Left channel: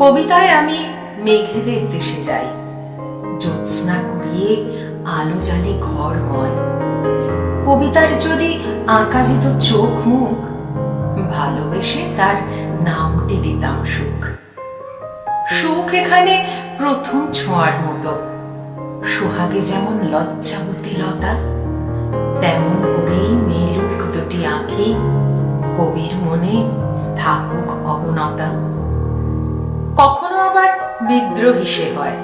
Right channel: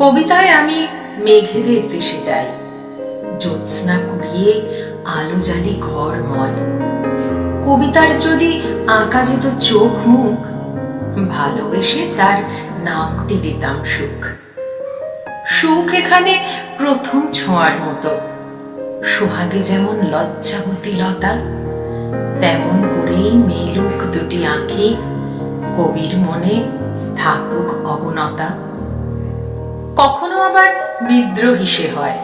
কবিতায় আমি মেঘের দেশে যাই, জ্যোৎস্না কুড়িয়ে আলো জালি ঘরময়। কবিতার যদি আঁকা যেত চোখ মুখ, ভালোবেসে তার নামটি দিতাম সুখ। সুখ এখানে প্রথম ছোঁয়ার মতো, সোহাগে যেমন লজ্জাবতী লতা, তেমন করেই মেলুক দুটি আঁখি, কবির মনে থাকুক অবনতা। কখনো আবার বিদ্রোহী সে হয়,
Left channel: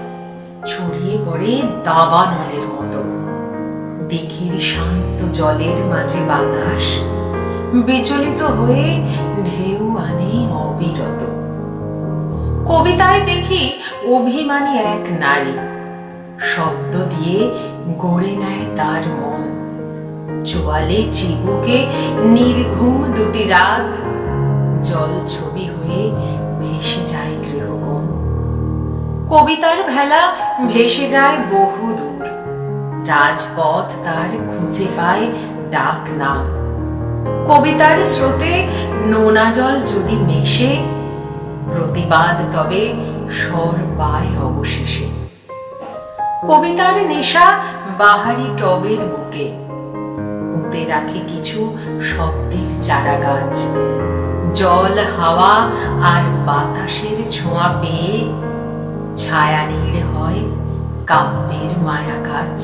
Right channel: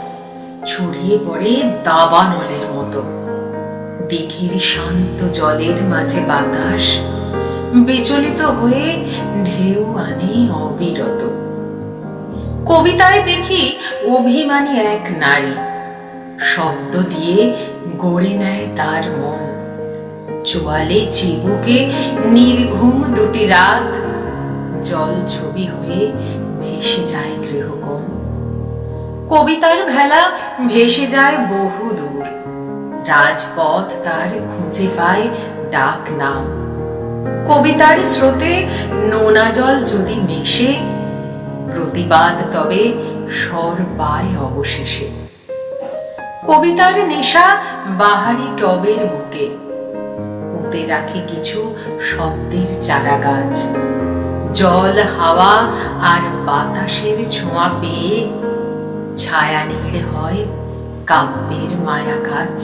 ছড়িয়ে পড়ে দাবানলের মতো। দিঘির শান্ত জলের মাঝে বাতাস বিচলিত হয়ে ঢেউ আনে অবিরত। কবিতায় দেখি অভিমানী এক নারী, শব্দ দিয়ে গড়ে নেয় তার মন। চোয়ালে চিবুকে নির্ঘুম দুটি রাত, জল ছবি হয়ে ভেসে যায় গৃহকোণ। কবিতার ভেলা ভেসে যায় বহু দূর, রাজপথ তার খুঁজে পায় ডাক নাম। কবিতার স্রোতে নোনা জল যদি মেশে, প্রতিবাদ তবে স্বর পায় অবশেষে। কবিতার নেশা বাহারি টবের বুকে, পুঁতে রাখে কিছু শব্দের চারা গাছ। জল হাওয়া আর বাতাসের ছোঁয়া পেয়ে ছায়া নীড় হয় কাব্যের মায়া কাজ।